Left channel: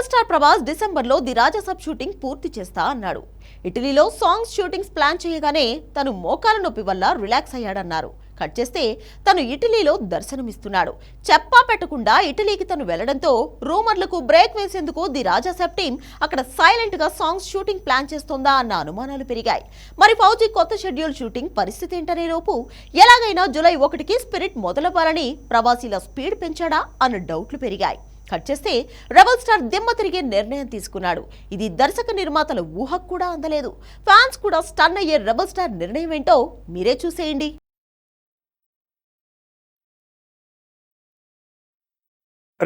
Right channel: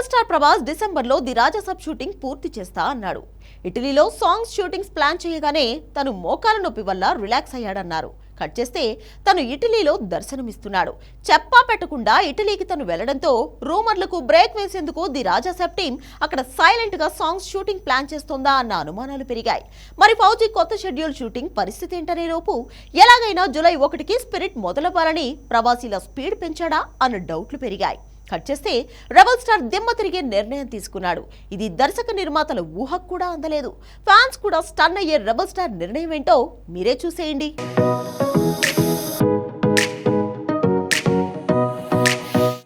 Rebel star Prabhas డిసెంబర్లో the Raja Saab shooting పూర్తి చేస్తా అన్నాడు. ఇటలీలో సాంగ్స్ షూటింగ్స్ ప్లాన్ చేయగానే తను మోకాల నొప్పి వల్ల రిలాక్స్ అయ్యాడన్నారు. కట్ చేస్తే తను ఇటలీలో దర్శనమిస్తున్నాడు. చెప్పా పెట్టకుండా ఇటలీకి తను వెళ్ళడంతో రూమర్లకు బ్రేక్ వేసేందుకు ది రాజాసాబ్ టీం అక్కడ సైలెంట్గా సాంగ్స్ షూటింగ్ ప్లాన్ చేస్తోందా అన్న అనుమానాలు పెరిగాయి. మరి ఫౌజీ కొత్త షెడ్యూల్ షూటింగ్ పరిస్థితి ఏంటనే లోపు ఎలాగైనా జూలై ఒకటికి స్పిరిట్ మొదలవ్వాలని ప్రవాసీల స్పీడ్ పెంచాడా అన్న డౌట్లు పెరిగాయి. కట్ చేస్తే రెబల్ స్టార్ దిమ్మ తిరిగే నిర్ణయం తీసుకున్నాడు. ఇది దర్శక నిర్మాతల ఊహకు కూడా అందలేదు. ఫ్యాన్స్ కూడా స్టన్ అయ్యే రెబల్ స్టార్ నిర్ణయం ఏంటో మీరే చూసేయండి.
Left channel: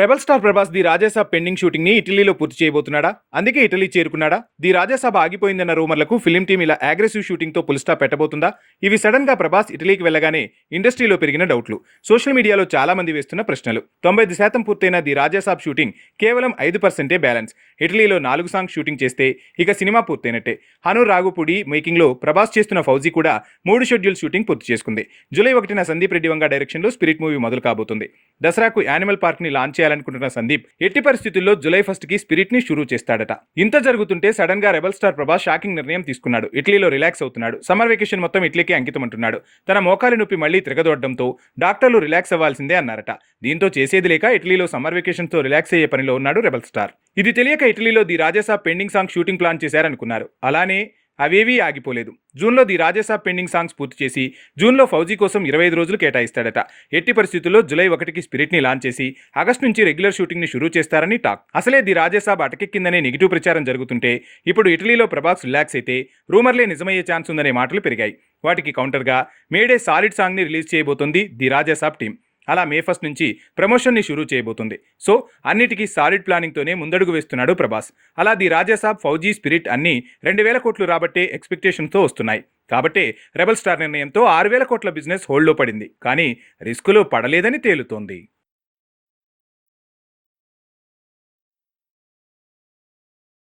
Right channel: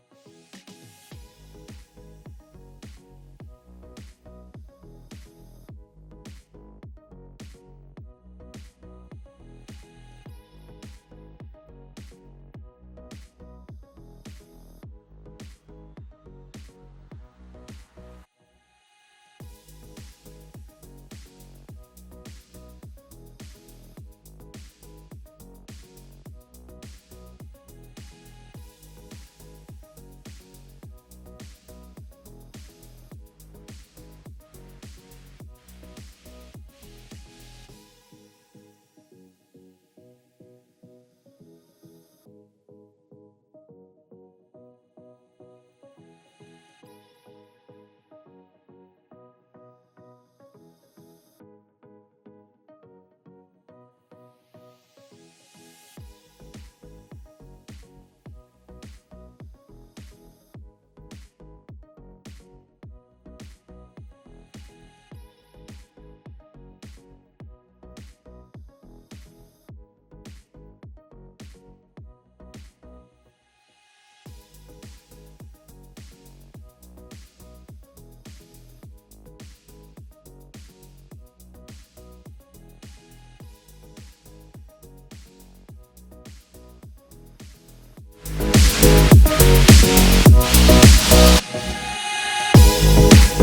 Rebel star Prabhas the Raja Saab pending షూటింగ్ని ఇటలీలో పూర్తి చేయబోతున్నాడా? అందుకే ఇటలీ చేరుకున్నాడా? ది రాజాసాబ్ ఆగిపోయిందన్న రూమర్లకు ఫిలిం టీం ఇలా అగ్రెసివ్ షూటింగ్తో పుల్ పెట్టబోతుందా? ఇవి సడన్గా ప్రభాస్ ఇటలీకి వెళ్ళగానే ఇండస్ట్రీలో పెరిగిన డౌట్లు. సోషల్ మీడియాలో చాలా మంది వేస్తున్న ప్రశ్నలు. తొంభై శాతం పూర్తయిన ది రాజాసాబ్ షూటింగ్ కేవలం ఐదు పర్సెంటే బ్యాలెన్స్ ఇటలీలో నాలుగు సాంగ్స్ షూటింగ్ చేస్తే ఇక సినిమా పూర్తయినట్టే. హను రాగుపూడి మేకింగ్లో ప్రభాస్ చేస్తున్న ఫౌజీ కూడా మూడు షెడ్యూల్ షూటింగ్ పూర్తి చేసుకుంది. జూలై ఒకటిన సందీప్ రెడ్డి వంగ డైరెక్షన్లో స్పిరిట్ మూవీ మొదలు కాబోతుంది. దసరాకు యానిమల్ పార్క్ని లాంచ్ చేయాలనుకుంటున్న సందీప్ ఎట్టి పరిస్థితుల్లో జూలై ఫస్ట్కి స్పిరిట్ని షురూ చేస్తాడట. ఇంత జరుగుతుంటే సడన్గా రెబల్ స్టార్ ప్రభాస్ షాకింగ్ నిర్ణయం తీసుకున్నాడు. ఇటలీలో రిలాక్స్ అవుతున్నాడు. సమ్మర్ వెకేషన్ మొత్తం ఇటలీకి అంకితం అంటున్నాడు తన మోకాలి నొప్పి మళ్ళీ తిరగదొడడంతో డాక్టర్లు రిలాక్స్ అవ్వాల్సిందే అన్నారట. దీంతో చేసేది లేక ఇటలీలో సమ్మర్ వెకేషన్తో రిలాక్స్ అయ్యే పనిలో ఉన్నాడు రెబల్ స్టార్ ఇది తెలియక ఇటలీలో the Raja Saab pending song shooting plan చేశారనుకున్నారు. అలానే అవేవీ ఆగిపోలేదు. జూన్లో ది రాజాసాబ్ పెండింగ్ సాంగ్స్ పూర్తి చేసి జూన్లో ఫౌజీ కోసం ఇరవై ఐదు రోజులు కేటాయిస్తాడట. ఎట్టి పరిస్థితుల్లో జులై ఒకటికి స్పిరిట్ని లాంచ్ చేసి ఆగస్టు నుంచి రెగ్యులర్ షూటింగ్ని షురూ చేస్తారని టాక్. అసలే ది రాజేసాబ్ అటకెక్కిందనే నెగిటివ్ ప్రచారం జరుగుతుంటే ఇప్పుడు ఇటలీలో ప్రభాస్ రిలాక్స్ అయితే రూమర్లే నిజమయ్యే ఛాన్స్ ఉందనే మాటలు పెరిగాయి. వాటికి కౌంటర్గా మేడే సాలిడ్ సాంగ్ని రిలీజ్ చేయబోతోంది ది రాజేసాబ్ టీం అలా మే ఫస్ట్ నుంచి ప్రమోషన్ని షురూ చేయబోతుంది. సో అన్నిటికీ సాలిడ్ ప్లానింగ్తోనే ముందడుగు వేస్తున్నాడు ప్రభాస్. అలా ది రాజాసాబ్ ఫౌజీ స్పిరిట్ అన్ని రెండు వేల కోట్లు రాబట్టే ఎక్స్పెక్టేషన్తో వస్తున్నాయి. కాబట్టే రెబల్ స్టార్ నిర్ణయంతో ఆరు వేల కోట్ల బిజినెస్ హోల్డ్లో పడింది. కానీ రిస్కులో పడలేదని తేలుతోంది.